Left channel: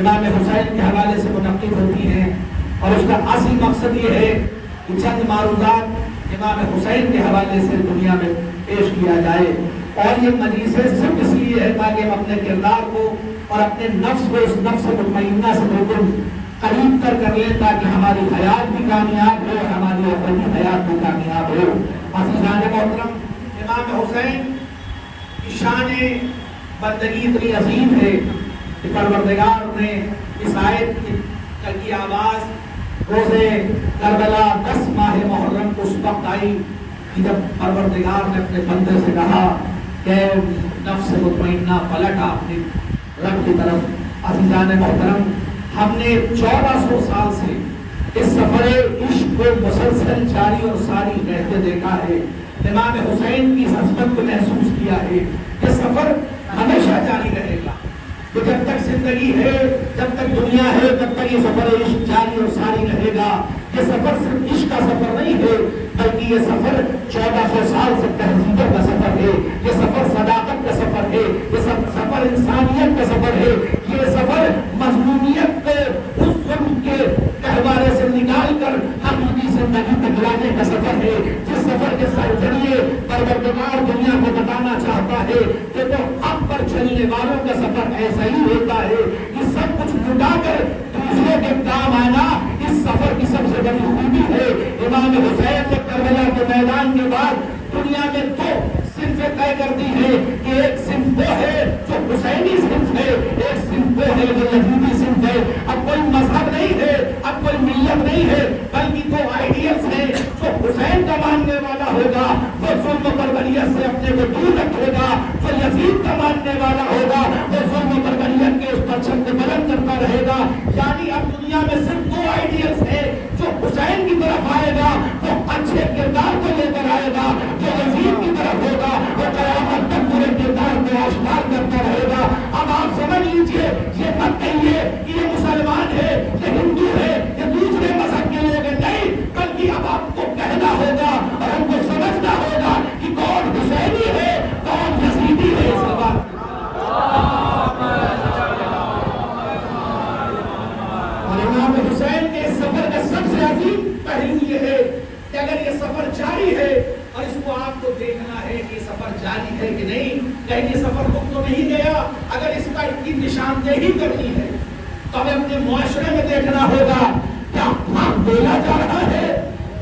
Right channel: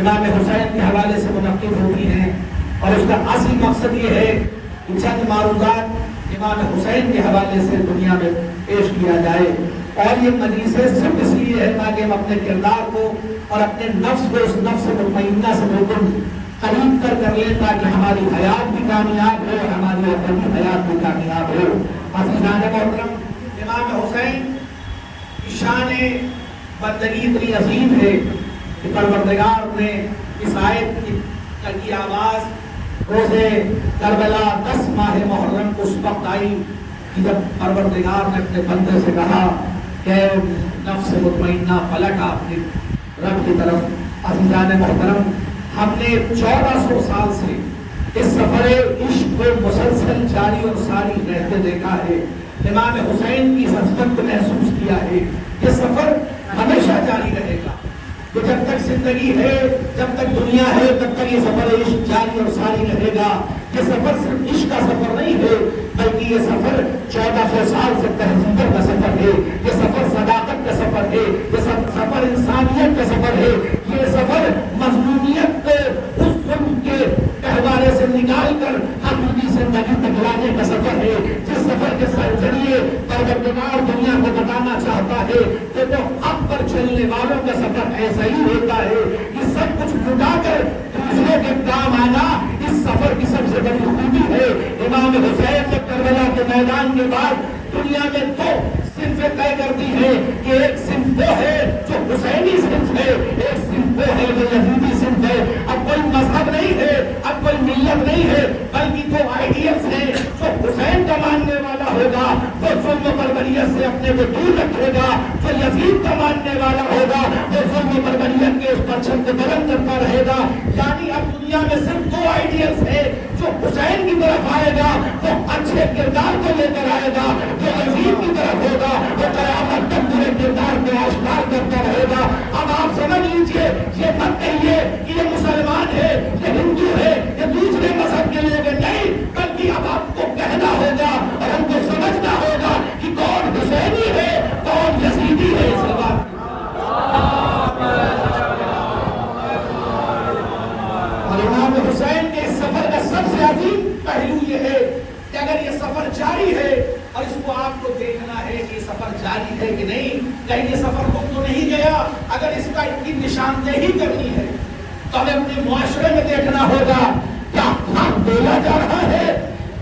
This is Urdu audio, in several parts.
امام حسین کے حوالے سے منعقد ہوتی ہیں، اور اس کا اصل مقصد یہ ہے کہ چند معروضات امام حسین کے حوالے سے دنیا میں پیش کیا جائے۔ اور یہ مجلسیں صرف اس لیے ہے تاکہ ہم اپنے کردار کو اور اپنے نفس کو اس نفس مطمئنہ سے بالکل قریب کر لیں، تاکہ ہماری حیات بھی کامیاب ہو اور ہماری اپنی حیات بھی کامیاب ہو۔ عزیزان محترم، امام حسین کی شان بندگی اتنی عظیم ہے کہ پروردگار نے اس آیت کی آواز روزے کربلا 10 ماہ محرم کو اس وقت آئی کہ جب پروردگار نے اپنے بندے سے کہا کہ نفس مطمئنہ پلٹ اپنی رب کی طرف۔ عزیزان محترم، ہم نے 1400 سال سے اس سفر عشق کو مسلسل جاری اور ساری رہتے دیکھا ہے۔ امام حسین کی عظمت کو محسوس کیا ہے۔ یہ سفر ہمیشہ جاری رہے گا، کہ جب تک زندگی ہے، جب تک دنیا ہے، تب تک یہ سفر عشق جاری اور ساری رہے گا۔ یہ سفر صرف عشق کا سفر نہیں ہے، بلکہ یہ سفر 1400 سال سے تہذیبوں کا سفر ہے، یہ سفر صداقت کا سفر ہے، یہ سفر انسانیت کا سفر ہے، یہ سفر مظلومیت کو اس ظلم کے گہوارے سے نکال کر حقیقی زندگی تک لانے کا سفر ہے، جس سفر کے ذریعے پروردگار دنیا کو بتانا چاہتا ہے کہ وہ حق پر چلنے والوں کا سفر ایسا ہی ہوتا ہے کہ سب کچھ لٹا کر دوسروں کے کام آنا اس سفر کی سب سے بڑی خوبی ہے۔ امام حسین نے کربلا کے میدان کے بعد دنیا میں 2 صنفیں طے کر دی ہے کہ ایک صنف وہ ہے جو حسینی صنف ہے، ایک صنف وہ ہے جو یزیدی صنف ہے۔ اب کوئی مذہب نہیں ہے، اب کوئی ملت نہیں ہے، بلکہ 2 آئیڈیلز ہیں۔ جو حسین کا ماننے والا ہوگا وہ ظلم و بربریت سے اپنے کو دور رکھے گا، جو یزید کا ماننے والا ہوگا وہ ظلم و بربریت کے اس پر چھت بلند کرتا رہے گا۔ یعنی اب دنیا میں صرف 2 آئیڈیلز ہیں۔ جو حسین کی طرف آئے گا وہ اچھے کردار کو لے کر آئے گا، جو یزید کی طرف ہوگا وہ قیامت تک پورے کردار کو آشکار کرتا رہے گا۔ اب آپ سمجھ لیجئے، یہ مت کہیے کہ یہ مسلمان ہے، یہ ہندو ہے، یہ دوسرے مذہب کے لوگ ہیں، نہیں، بلکہ اب آپ کو کہنا ہوگا اور ہم کو سمجھنا ہوگا کہ کون حسینی ہے، کون یزیدی ہے۔ اس بات اور امام حسین کے اس سفر کا سب سے عظیم پہلو یہ ہے کہ اگر یہ سفر جاری ہے اور اس کو آپ کو دیکھنا ہے کہ یہ سفر جاری ہے کہ نہیں، کہیں یہ سفر رک تو نہیں گیا، اگر اس کا کی نشاندہی کرنی ہے تو ہمیں اپنے معاشرے میں دیکھنا ہوگا کیا حق بولا جا رہا ہے،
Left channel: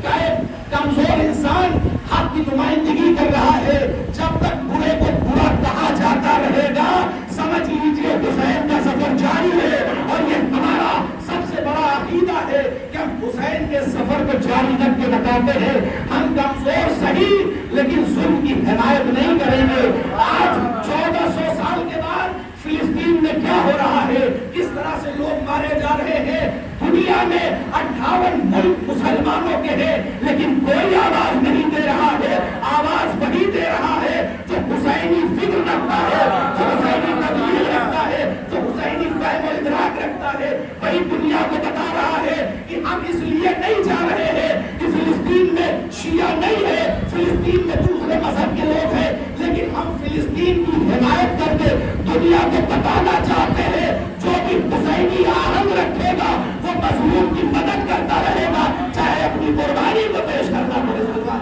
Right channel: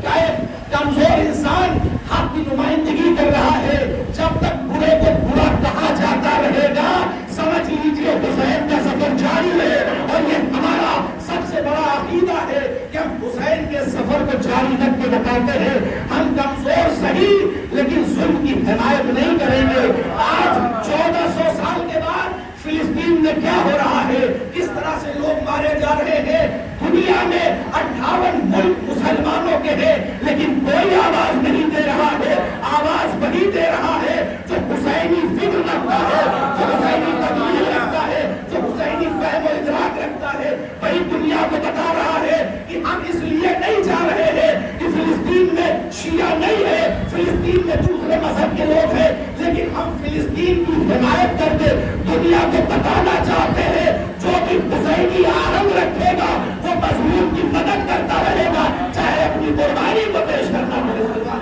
کیا ایک کمزور انسان حق کی نمائندگی کر رہا ہے۔ جب تک برے کو برا کہا جاتا رہے گا سمجھ لیجیے حسین کا سفر جاری ہے، اور یہ ہمارا سب سے بڑا عقیدہ ہے کہ ہم حسین کے سفر کو جاری رکھ کے بتاتے ہیں۔ ہم کمزور صحیح لیکن ظلم کی حمایت نہیں کریں گے۔ آج 1400 سال کے بعد فلسطین میں کیا ہو رہا ہے، کس طرح سے لوگ مارے جا رہے ہیں، دنیا میں 58 ملک مسلمانوں کے ہیں لیکن کوئی آواز نہیں دے رہا ہے۔ آواز وہی دے رہا ہے جو حسینی فکر رکھتا ہے، جو حسینی تبلیغ رکھتا ہے، جو حسینی فہم و ادراک رکھتا ہے، وہی دنیا کو بتا رہا ہے کہ ہم اس لیے نہیں جا رہے ہیں کہ فلسطین میں شیعہ نہیں ہے، فلسطین میں دوسرے مذہب کے لوگ ہیں، لیکن ہم فلسطین کی حمایت کر کے دنیا کو بتانا چاہتے ہیں جو بھی حسینی آہنگ رکھے گا وہ مظلوم کی مدد کرتا رہے گا، چاہے اپنی قربانی کو پیش کرنا پڑے گا۔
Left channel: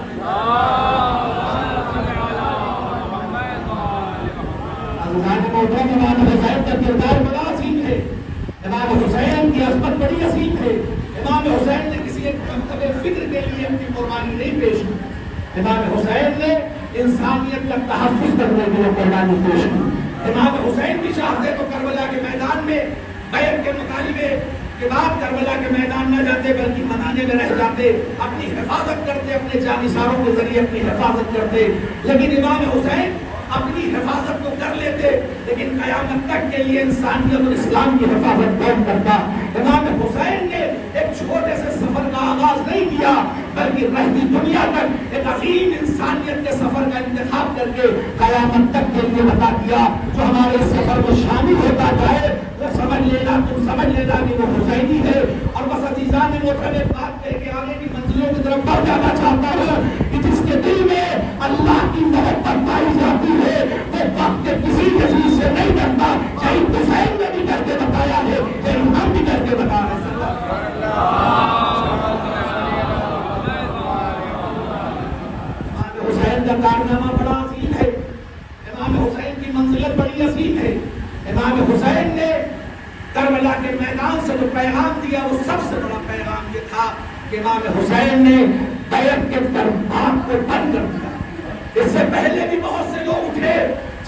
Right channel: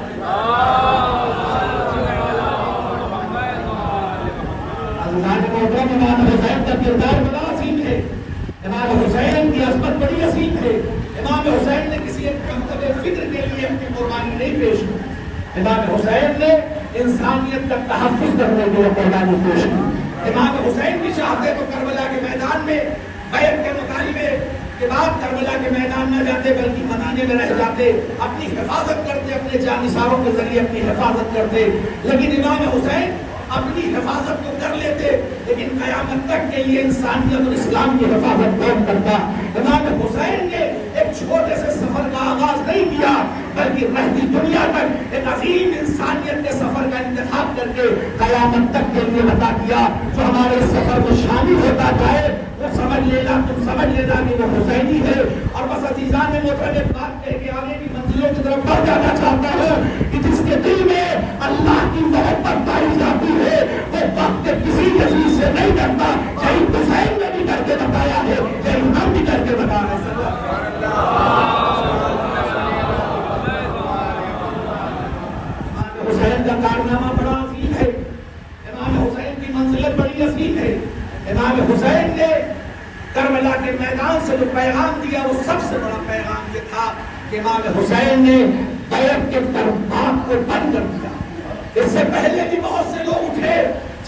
امام حسین کا کردار بڑا عظیم ہے، امام حسین کی عظمت بڑی عظیم ہے۔ امام حسین نے کسی ایک مقصد فکر کے لیے اپنی قربانی نہیں پیش کی، امام حسین نے انسانیت کا تحفظ کرنے کے لیے قربانی پیش کی۔ امام حسین بھی چاہتے تو کربلا کے میدان میں بیعت کے مطالبے کے بعد کربلا کے میدان نہ جاتے بلکہ منانے میں رہ جاتے، اپنی حفاظت کرتے، اپنے جانثاروں کے ذریعے اپنی حفاظت کرتے، لیکن امام حسین اپنی حفاظت تو کر لیتے لیکن قیامت تک کے لیے انسانیت اور اسلام کی حفاظت کون کرتا۔ امام حسین نے ایک چھوٹے سے سفر کا آغاز نہیں کیا بلکہ رہتی دنیا تک ایک عظیم انسانیت کے سفر کا انتخاب کر کے قیامت تک کے لیے بتا دیا۔ جو ہمارے سفر میں شامل ہوتا ہے وہ سمجھ لینا کہ وہ حسینی ہے۔ اور بس عزیزان محترم ایک بات کہہ کے آگے کی منزلوں کی طرف بڑھ جانا چاہتا ہوں کہ جس کے دل میں اللہ کی محبت پائی جاتی ہے وہ وقت کے کسی چیز سے نہیں ڈرتا، یہی حسین نے بھی کر کے بتایا ہے۔ کے میدان سے جو پیغام دیا وہ سب سے بڑا پیغام یہ تھا کہ امام حسین نے بیعت کے دربار کو بند کر دیا. اس سے پہلے بھی بہت سے لوگ اٹھے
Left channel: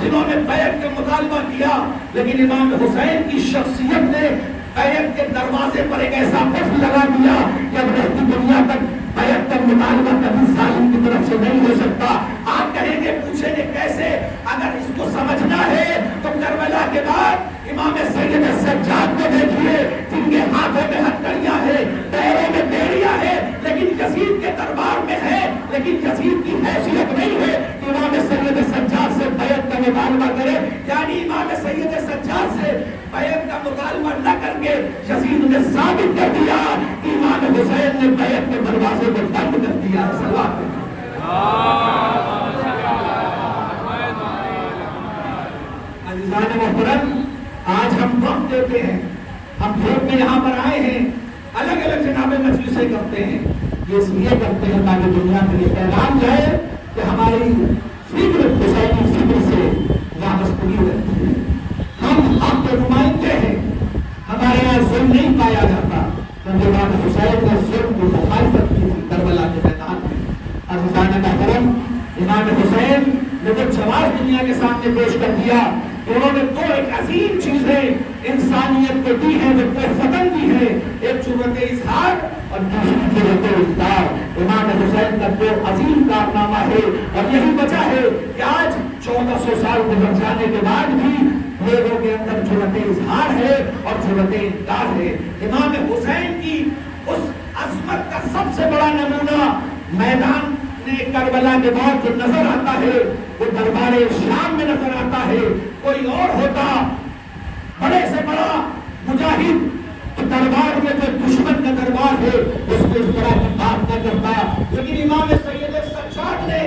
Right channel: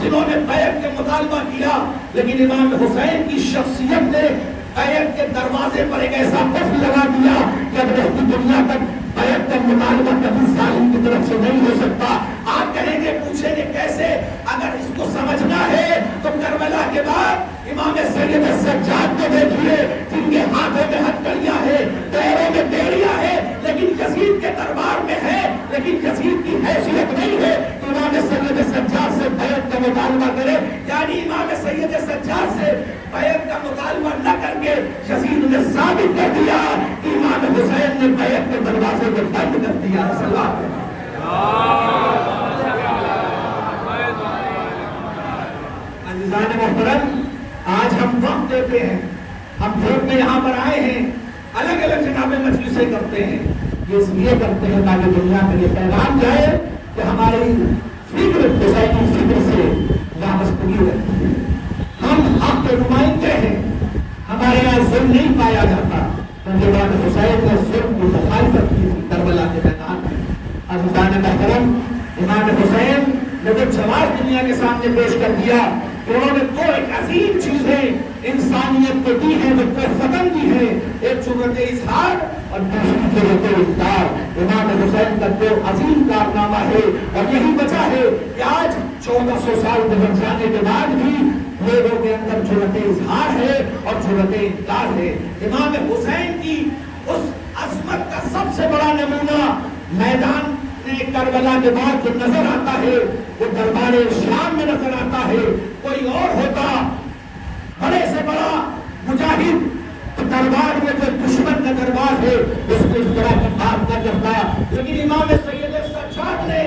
جنہوں نے بیعت کا مطالبہ کیا، لیکن امام حسین کی شخصیت نے بیعت کے دروازے پر ایک ایسا قفل لگا دیا کہ اب رہتی دنیا تک بیعت کا مطالبہ کبھی ظالم کی طرف سے نہیں ہو سکتا. آپ کہیں گے، پوچھیں گے کیسے؟ اگر اس کو سمجھنا ہے تو کربلا کے بعد امام سید سجاد کو دیکھیے، جن کے ہاتھوں میں ہتھکڑیاں ہیں، پیروں میں بیڑیاں ہیں، لیکن یزید کے دربار میں ہے، لیکن یزید کی حیثیت نہیں ہے کہ امام سید سجاد سے بیعت کا مطالبہ کرے. یعنی امام سید سجاد سے بیعت کا مطالبہ نہ کر کے یزید نے ثابت کر دیا کہ امام حسین نے بیعت کے دروازے کو بند کر دیا. عزیزان محترم، آج ہم وقت دیتے ہیں، ہم بھوٹ میں یہاں پر آئے ہیں، الگ الگ جناب مجلسیں کرتے ہیں. یہ اس لیے کرتے ہیں تاکہ دنیا میں یہ پیغام جائے کہ ہماری فکر حسینی فکر سے وابستگی رہتی ہے. ہم حق کے نمائندے ہیں، ہمارے یہاں ظلم نہیں پایا جاتا. امام حسین نے ظلم کی مخالفت کی تھی کربلا کے میدان میں. عزیزان محترم، امام حسین نے جو جواب دنیا کے سامنے پیش کر دیا، انہوں نے دو ایک عظیم چیزیں انسانیت کو دی ہیں، جو فتن دی ہیں، ایک جرأت اظہار اور دوسری جرأت اقرار. امام حسین کا جو عظیم کارنامہ ہے، اور یہی وجہ ہے کہ آج 1400 سال گزر جانے کے بعد بھی لوگوں کے اندر جرأت اظہار ہے اور جرأت اقرار ہے. امام حسین کی اس عظمت کا سب سے بڑا نمونہ میدان کربلا کے بعد جو نظر آتا ہے وہ دربار شام میں نظر آتا ہے. کوئی اور ہوتا بڑے سے بڑا مجاہد تو دربار میں جو دشمن کا دربار ہے اس کو اس طرح کی بات نہ کرتا، لیکن امام سید سجاد نے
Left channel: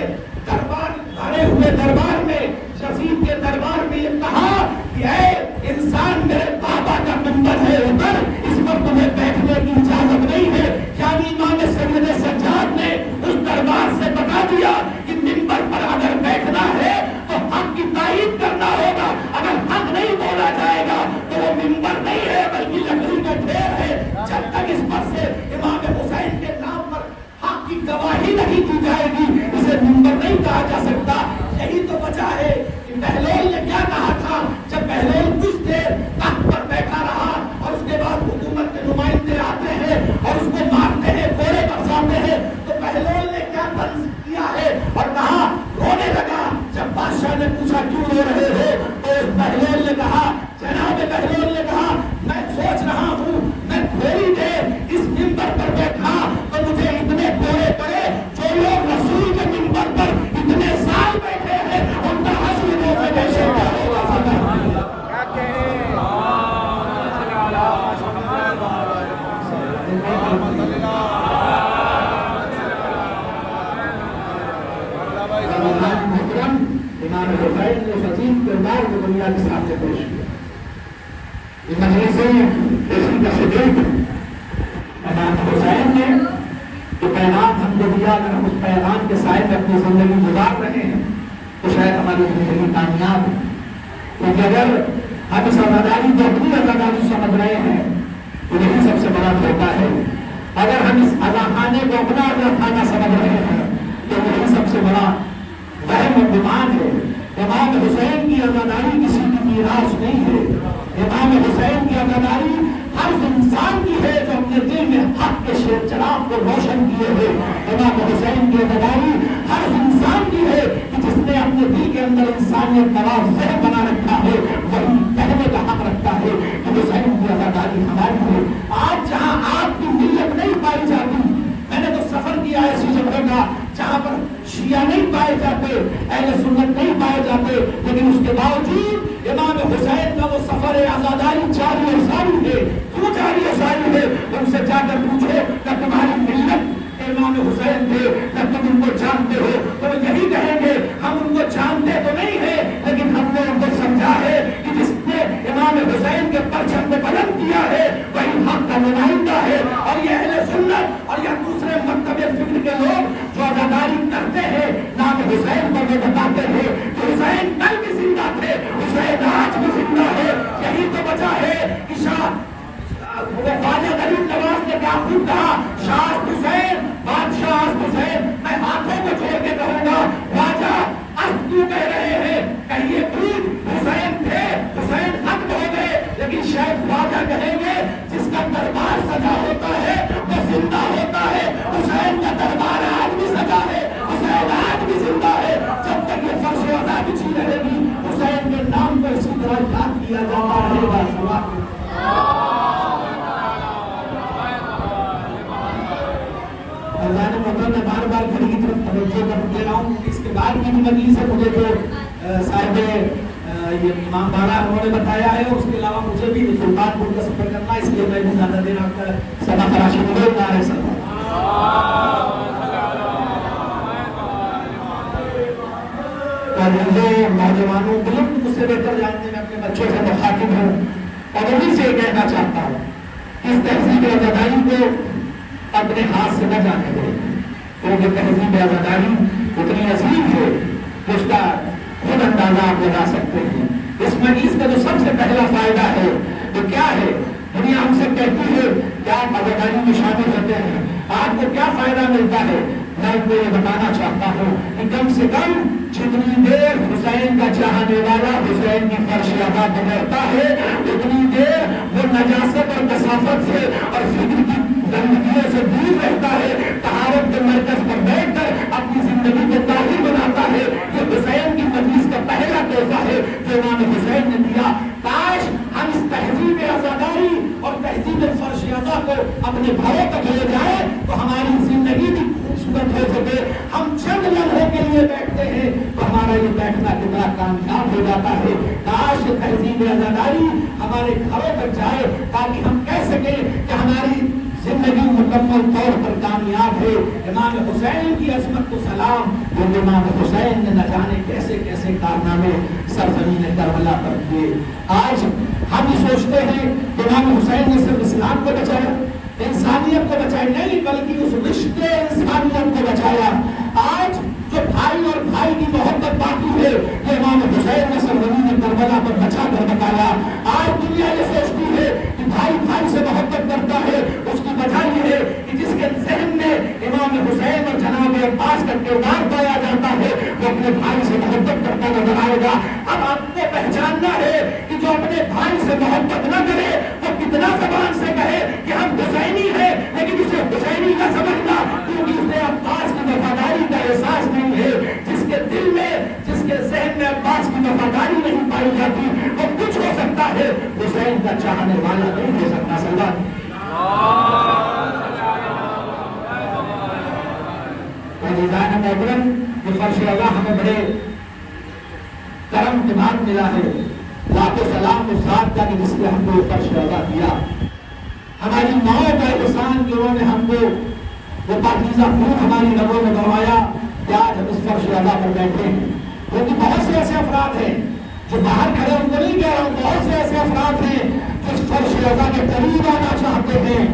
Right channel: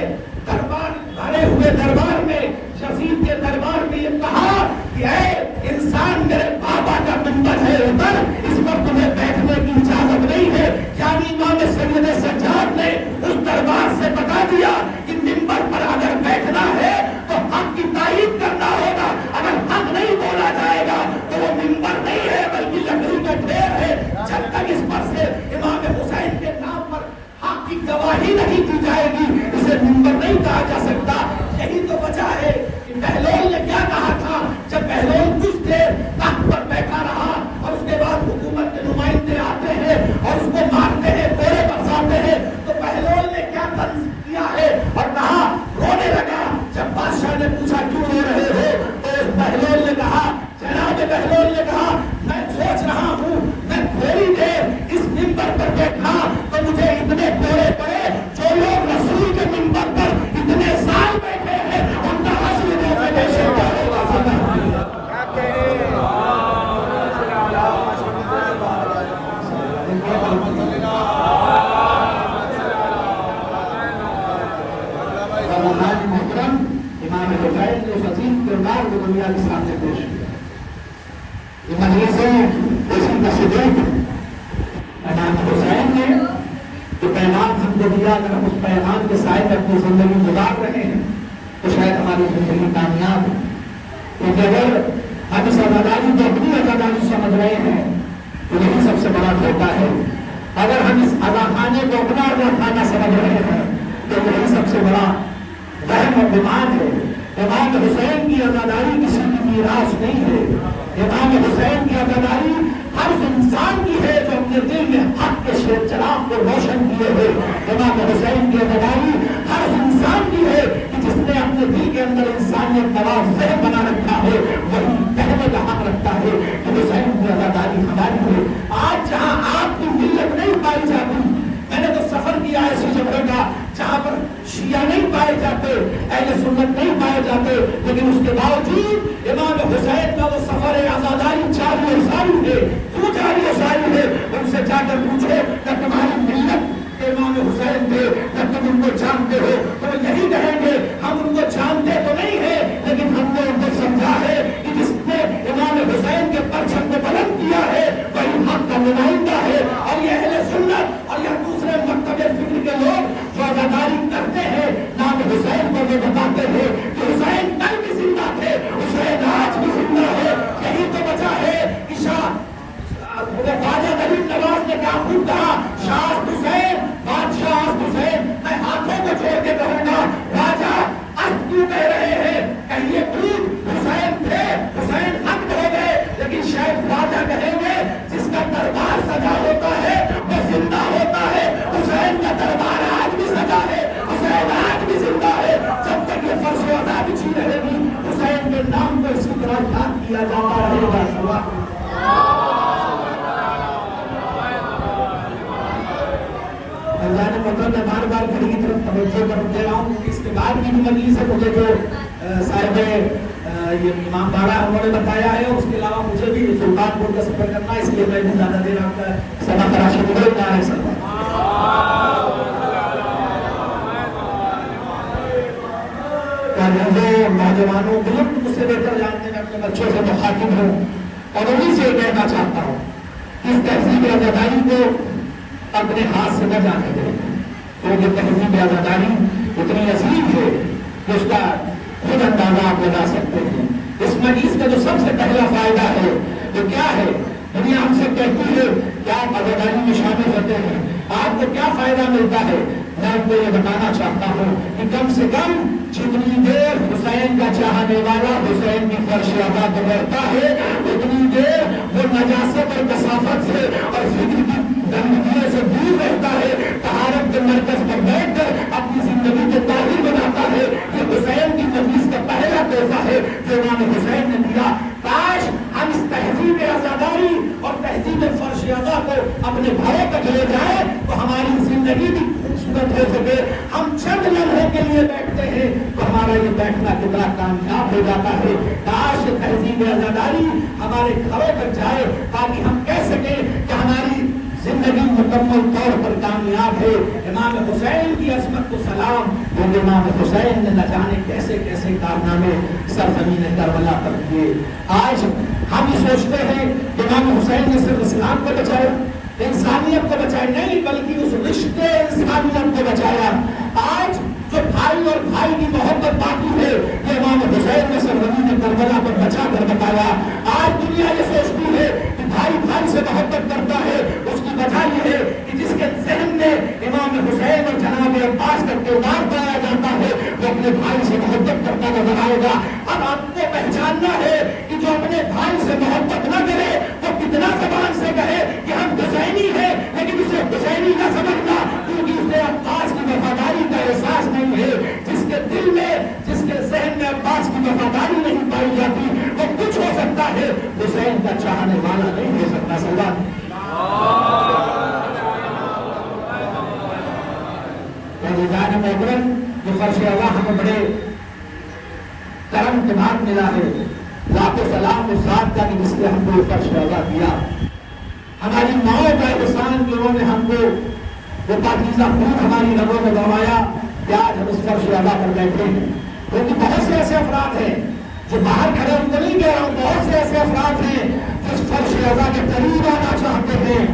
دربار بھرے ہوئے دربار میں، یزید کے دربار میں یہ کہا کہ اے انسان، میرے بابا کا منبر ہے اوپر، اس پر تمہیں بیٹھنے کی اجازت نہیں ہے. یعنی امام سید سجاد نے اس دربار سے بتا دیا کہ منبر پر اگر بیٹھنا ہے تو حق کی تائید کرنا ہوگا، اگر حق نہیں بولا جائے گا تو وہ منبر نہیں ہے بلکہ لکڑی کا ڈھیر ہے. جب تک اس پر سے امام حسین کے نام پر حق کی گواہی نہیں دی جائے گی اسے منبر نہیں کہا جا سکتا. یہی تو وجہ ہے کہ بہلول نے کیا کہا تھا جب بہلول کچھ دیر تخت پر بیٹھا رہا اور اس کے بعد حکومت کے نمائندے آتے ہیں اور اس کو مارتے ہیں، کوڑے برساتے ہیں، تو بہلول نے کیا طرز کیا ہے اور کہا، رونے لگا. جب بادشاہ نے پوچھا کیوں رو رہے ہو تو اس بہلول نے کہا، جناب بہلول نے کہا، میں سوچ رہا ہوں میں تھوڑی دیر اس منبر پر بیٹھا تو مجھے اتنے کوڑے پڑے جو لوگ رسول کے منبر پر اتنے سال بیٹھے ہیں ان کا حشر سے بہشت کیا ہوگا. امام حسین نے عظیم کردار کو دنیا کے سامنے پیش کیا. مجلسوں اسی کا ثبوت امام حسین نے جو پیغام ہم کو دیا، اگر ہم اس پیغام کے سائے میں اپنی زندگی گزار رہے ہیں تو شاید ہماری زندگی کامیاب ہے. کیونکہ اگر ہم اس آزادی کو اپنی آزادی سمجھ رہے ہیں تو یہی سب سے بڑا دھوکہ ہے. اگر ہم اس آزادخانے کو اپنا آزادخانہ سمجھ رہے ہیں تو یہی سب سے بڑا وہم و گمان ہے. امام حسین کی آزادی کسی کی میراث نہیں ہے. امام حسین کی آزادی ہر انسان کی ہے جو اپنے دل میں حق کے چراغ کو روشن کیے ہے. امام حسین کی آزادی ہر انسان کی ہے کہ جس نے اپنے دل کے اندر انسانیت کا ذہن بنا رکھا ہے، وہی کہنے کا حق رکھتا ہے کہ حسین کی آزادی ہماری ہے. آج جہاں آپ کی ملت نہیں پائی جاتی، میں نے تو سفر کیا ایسی جگہ کا جہاں پر شیعہ نہیں پائے جاتے، اہل سنت نہیں پائے جاتے، لیکن اس کے باوجود امام حسین کا وہ سفر آزاداری جاری و ساری ہے. کیوں جاری و ساری ہے؟ ان سے جا کر پوچھو کہ تمہاری ملت امام حسین تھے، جب تم ان کو جانتے ہو تو یہی کہیں گے ہم ان کو جانتے تو نہیں ہیں لیکن ہم نے ان کو سمجھا ہے کہ جس نے امام حسین کے پرچم کو بلند کیا ہے وہی حق کا نمائندہ ہے. اور یہ اہل سنت اور یا دوسرے مکتب فکر کے لوگ جو آزاداری کرتے ہیں نام حسین کو یہ بتاتے ہیں کہ حسین کل بھی زندہ تھے، خود کہا شاہ حسین بادشاہ حسین میں ہاتھوں کو چھوڑ کے کہوں گا راجا اب کیوں کہہ رہے ہیں کہیے خود حسین تھے حسین ختم ہو گئے لیکن شاید راجا کہیں گے جس کا دربار سجا ہوتا ہے وہ زندہ ہوتا ہے حسین کا دربار آج بھی سجا ہے حسین آج بھی زندہ ہے جب تک یہ فرش وفا بچھی رہے گی حسین کے نام کو اسی طرح یاد کیا جاتا رہے گا اللہ نے مطلب میں بار بار گھڑی کی طرف توجہ کر دے رہا ہوں اس کے بعد کی مجلس سے مجھے جو صاحب یہ امام بارہ انہوں نے بتایا ہے اس کے علاوہ مجھے بھی سلطان پور کا سفر کرنا ہے اس لیے میں بھی زیادہ دیر آپ کا سبا تراشی مجھے کہا ہے سر نوجوانوں بالکل مجھ سے بہتر جانتے میں اپنے بچوں سے مخاطب ہوں اور انہیں سے کہنا چاہتا ہوں اس تہذیب آزاداری کو اپنے ہاتھ سے نہ جانے دیں کیونکہ تہذیب آزاداری اتنی عظیم ہے کہ اس کا خود اندازہ آپ لگا سکتے ہیں اس مجلس کا جو سب سے پہلا فائدہ ہے تو کیا ہے دنیا ہم سے کہتی ہے کہ آپ آزاداری میں شامل ہوتے ہیں آپ کو کیا فائدہ ملتا ہے میں آپ کو یہ بتانا چاہتا ہوں کہ کم سے کم جتنی دیر حسین کا چاہنے والا حسین کی فرش ادا کرتا ہے اتنی دیر وہ نجاست اور کثافت سے اور فکر کی گندگیوں سے دور رہتا ہے طہارت کے مرکز پر بیٹھ کر اپنی زندگی کو طاہر بناتا ہے یہ حسین کی مجلس کا پہلا تحفہ ہے جو امام حسین نے دیا کاش ہم اس تہذیب آزاداری اور تہذیب فرش ادا کر اپنے گھروں تک لے جائیں تو ہماری زندگی بھی خوبصورت ہو سکے ہم چند لمحے کے لیے بیٹھتے ہیں تو ہمارا یہ بیٹھنا کتنا کامیاب ہو جاتا ہے کاش تہذیب آزاداری ہمارے گھروں تک جائے تاکہ ہم کہہ سکیں کہ ہماری زندگی مکمل طور پر کامیاب ہے امام حسین کی عظمت کو سلام اور امام حسین نے نہ جانے کیسے کیسے کارنامے سرزمین کربلا پر کیے آج ہم یہ سوچتے ہیں کہ امام حسین نے صرف اسلام کو بچایا انسانیت کو بچایا نہیں بلکہ اس رشتے انسانیت کو بچایا آج جو بھائی اور بھائی کی محبت باقی ہے یہ امام حسین نے سرزمین کربلا کو بچا کر بتایا آج دنیا یہ سوچتی ہے کہ بھائی بھائی سے محبت کرتا ہے اس کی وجہ یہ ہے کہ جس کے ذہن میں امام حسین اور جناب عباس کا کردار پایا جاتا ہے وہ اپنے بھائی سے محبت کرتا نظر آئے گا اب آپ کو پہچاننا ہے کہ جو اپنے بھائی سے محبت نہ کرے وہ کتنا زبان سے کہے کہ ہم حسینی ہیں لیکن اسے حسینی نہ سمجھنا کیونکہ اسے عباس کی وفاداری کا احساس نہیں ہے جس کے دل میں جس کے ذہن میں عباس کی وفاداری نہیں پائی جاتی وہ کچھ ہو سکتا ہے حسین کا چاہنے والا نہیں ہو سکتا سلام جو فرش اللہ ہمیں بڑے کرم کے بعد ملا ہے لاکھوں سلام کو ساتھ کا جس نے ہم کو یہ فرش ادا کیا ہماری ماؤں کا احسان کہ انہوں نے ہم کو وہ پاکیزہ خون ہماری رگوں میں بڑھوایا کہ آج ہم اس فرش ادا پر بیٹھے ہیں کیونکہ بہت سے ایسے افراد ہیں جو باہر کھڑے ہوئے نہیں گئے اور بہت سے ایسے افراد ہیں جو اس فرش ادا کے قریب آنا چاہتے ہیں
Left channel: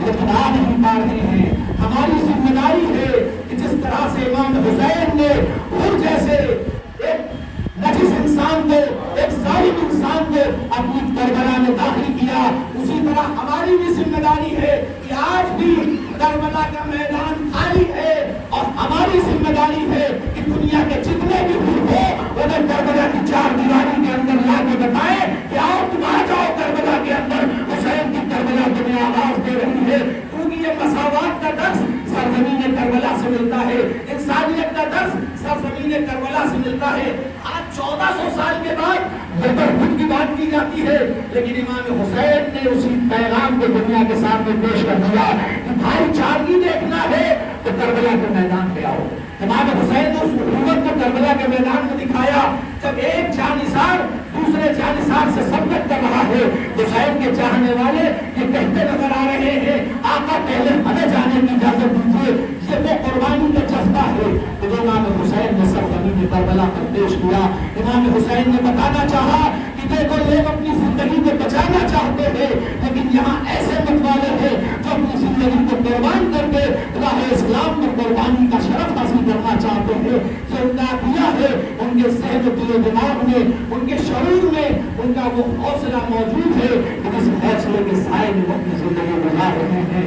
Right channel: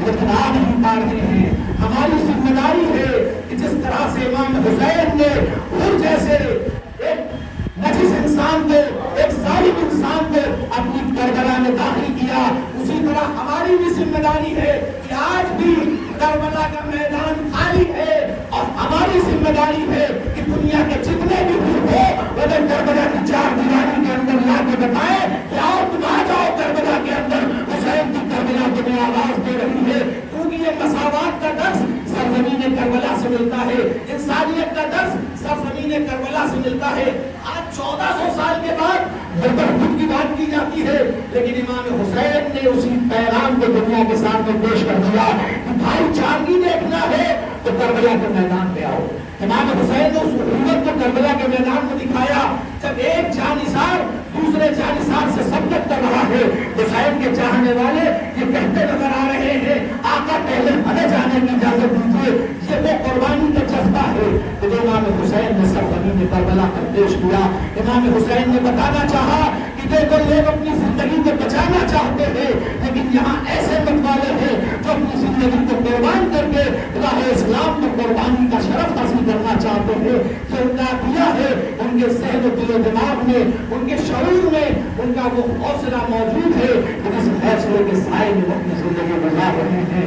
لیکن آ نہیں پا رہے ہیں ہماری ذمہ داری ہے کہ جس طرح سے امام حسین نے حور جیسے ایک نجس انسان کو ایک ظالم انسان کو اپنی کربلا میں داخل کیا اسی طرح ہماری بھی ذمہ داری ہے کہ آج بھی کربلا کا میدان خالی ہے اور ہماری ذمہ داری ہے کہ دنیا کے جتنے بھی حور ہو وہ کربلا کی چار دیواری کے اندر لا کے بتائیں کہ آؤ تم آ جاؤ کربلا کے اندر حسین کی کربلا تمہیں آواز دے رہی ہے کیونکہ یہ مساوات کا درس سرزمین کربلا سے ملتا ہے انسانیت کا درس سرزمین کربلا سے ملتا ہے آج 1400 سال کے بعد برہوت کی بات کی جاتی ہے لیکن امام حسین نے اسی پیغام کو دنیا کے سامنے پیش کر دیا کہ بھائی چارگی دیکھنا ہے تو کربلا کے میدان پہ آؤ امام حسین نے اس حکومت کو کربلا کے میدان میں دکھایا جب ایک جانثار دوسرے جانثار سے سبقت کر رہا ہے حسین کے چاہنے والے یہ کہتے نظر آ رہے ہیں آقا پہلے ہمیں جانے کی اجازت دیجیے یہ وہ قربانی کا جذبہ ہے کہ جو امام حسین نے سرزمین کربلا پر پیش کیا امام حسین نے بتانا چاہا کہ دیکھو لوگ اپنی زندگی کو بچانا چاہتے ہیں لیکن یہاں ایسے متوالے ہیں جو اپنی زندگی کو قربان کر کے راہ اسلام میں قربانی کا شرف حاصل کرنا چاہتے ہیں جو انقلابیہ ہے ان کے ذہن و دل و دماغ میں ان کے شعور میں ان کا وہ حوصلہ موجود ہے کہ اس حوصلے کے سائے میں اپنی زندگی بنا رہے ہیں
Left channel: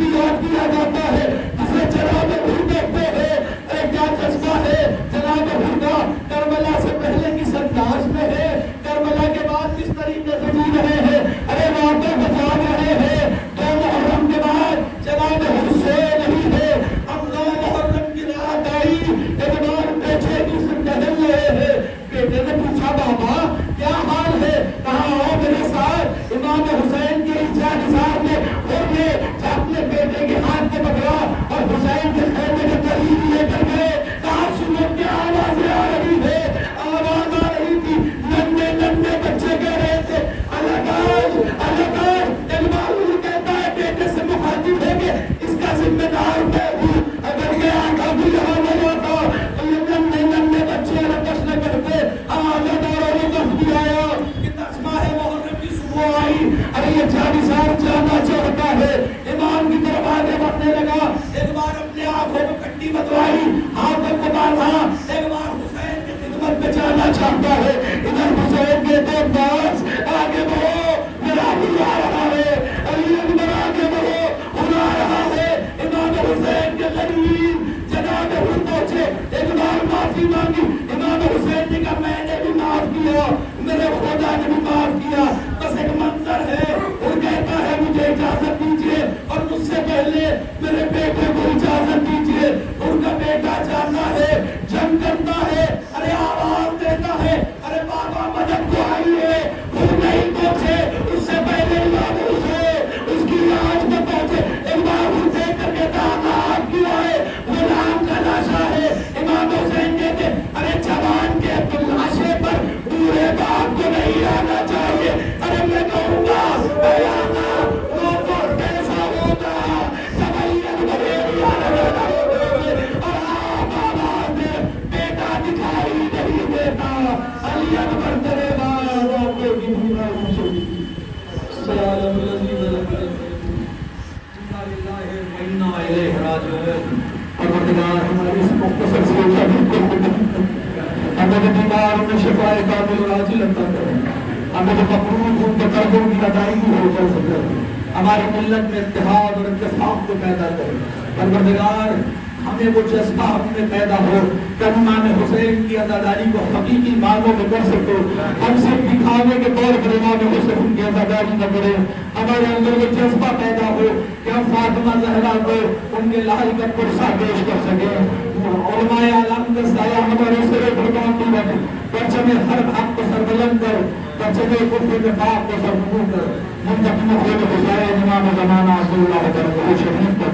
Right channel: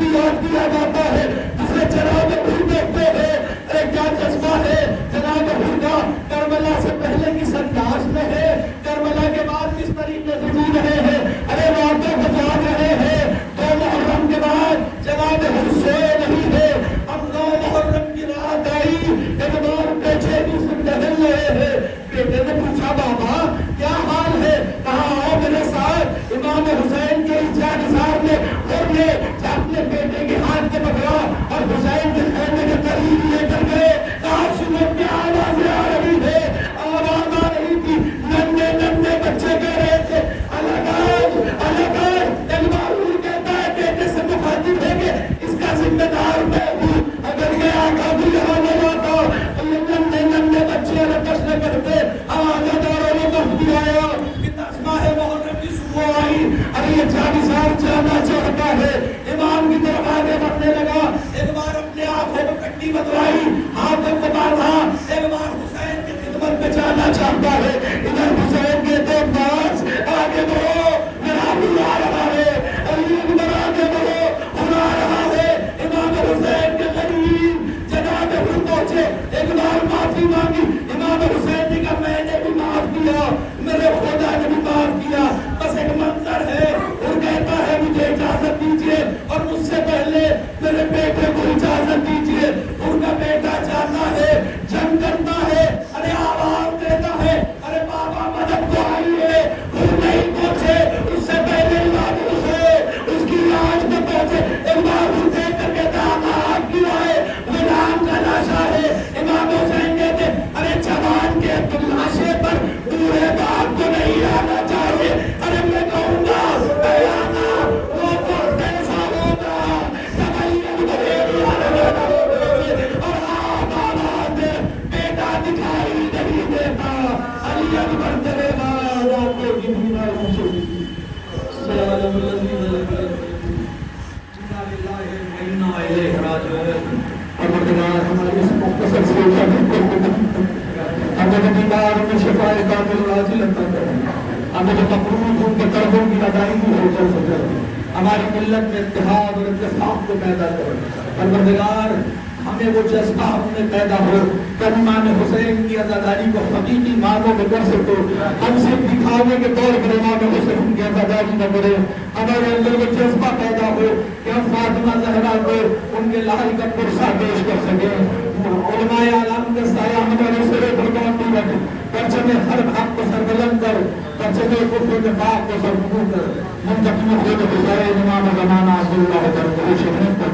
بھی یاد کیا جاتا ہے جسے جناب حور کہتے ہیں. کیا جذبہ ہے جناب حور کا، کربلا سے پہلے کی سرتاج میں ہے، کربلا کے بعد کس طریقے سے جی رہے ہیں. ارے راتوں کو جاگ رہے ہیں. 2 محرم کے بعد جناب حور سوئے نہیں ہے. اب 9 محرم کی رات آئی، ایک بار پیچھے دوسرے ٹہل رہے ہیں. بیٹے نے پوچھا بابا کیا حال ہے؟ کہا آؤ میرے ساتھ. امام حسین کے جانسار نے حور نے اپنے بیٹے کے ہاتھ کے پکڑا اور حسین کے خیمے کے قریب لے کر گئے. کہاں سنو کیا آوازیں آ رہی ہے؟ آواز آ رہی تھی، ننھے ننھے بچے کہہ رہے تھے الگ الگ. حور کہتا ہے بیٹے سے مخاطب ہے کہ اس کا ذمہ دار میں ہوں. اگر یہ آقا کو یہاں نہ لاتا تو یہ ننھے ننھے بچے رقص نہ کرتے. آوازیں داروں نے مہدی آیا کہ 10 ماہ محرم کی صبح آئی. ارے یہ جانسار جانا چاہتا ہے. امام کی طرف آگے بڑھنے لگا. ایک بار اپنے آنکھوں میں کٹی بدوائی، ہاتھوں کو باندھا. ایک بار حسین کی خدمت میں جانا چاہتا ہے. ادھر حسین کے 2 پاس آگے بڑھو، میرا حل آ رہا ہے. علی اکبر آگے بڑھو، حل آ رہا ہے. امام حسین کے قریب جناب حور پہنچے. ایک بار معافی مانگی. امام حسین نے کہا میں نے بھی معاف کیا، میرے خدا نے بھی معاف کیا. بس ایک منظر ہے. وہ کہتا ہے مجھے اجازت دیجیے اور مجھ سے پہلے میرے بیٹے کو اجازت دیجیے. ان کا بیٹا جاتا ہے، جنگ کرتا ہے. ارے آواز دیتا ہے ارے بابا مدد کو آئیے. وہ نہیں پہنچے، اس سے پہلے امام حسین اس کی لاش میں پہنچے. ایک بار وہ دیکھ کر کہتا آپ کیوں آئے؟ غلام کا لاشا ہے. امام حسین کہتے ارے جوان کے لاشے پر بوڑھے باپ کو نہیں آنا چاہیے. ارے میں کہوں گا دکھائی نہیں دیتا. علی اکبر کرے گا ہمیں مقروض ان کے قرضوں کی ادائیگی ہو کر سکے. ہماری ملت میں اتحاد اور اتفاق کو پیدا کرے. پروردگار ہمیں وہ جذبہ ہم میں پیدا ہو کہ امام حسین کی عزاداری کو حقیقی معنوں میں کر سکے. ہم صرف دکھاوے کے طور پر امام حسین کی عزاداری نہ کرے. ہمارے اندر وہ جذبہ پیدا ہو کہ ہم فاطمہ زہرا کو ان کے لال کا پرسہ پیش کر سکیں. علماء اعلام کے سایہ ہمارے سرے پر قائم رکھے. پرچم ہر حق کو سربلند کر، پرچم کفر نفاق کو سرنگوں کر. منتقم خود حسین امام زمانہ عبداللہ تعالی شریف پر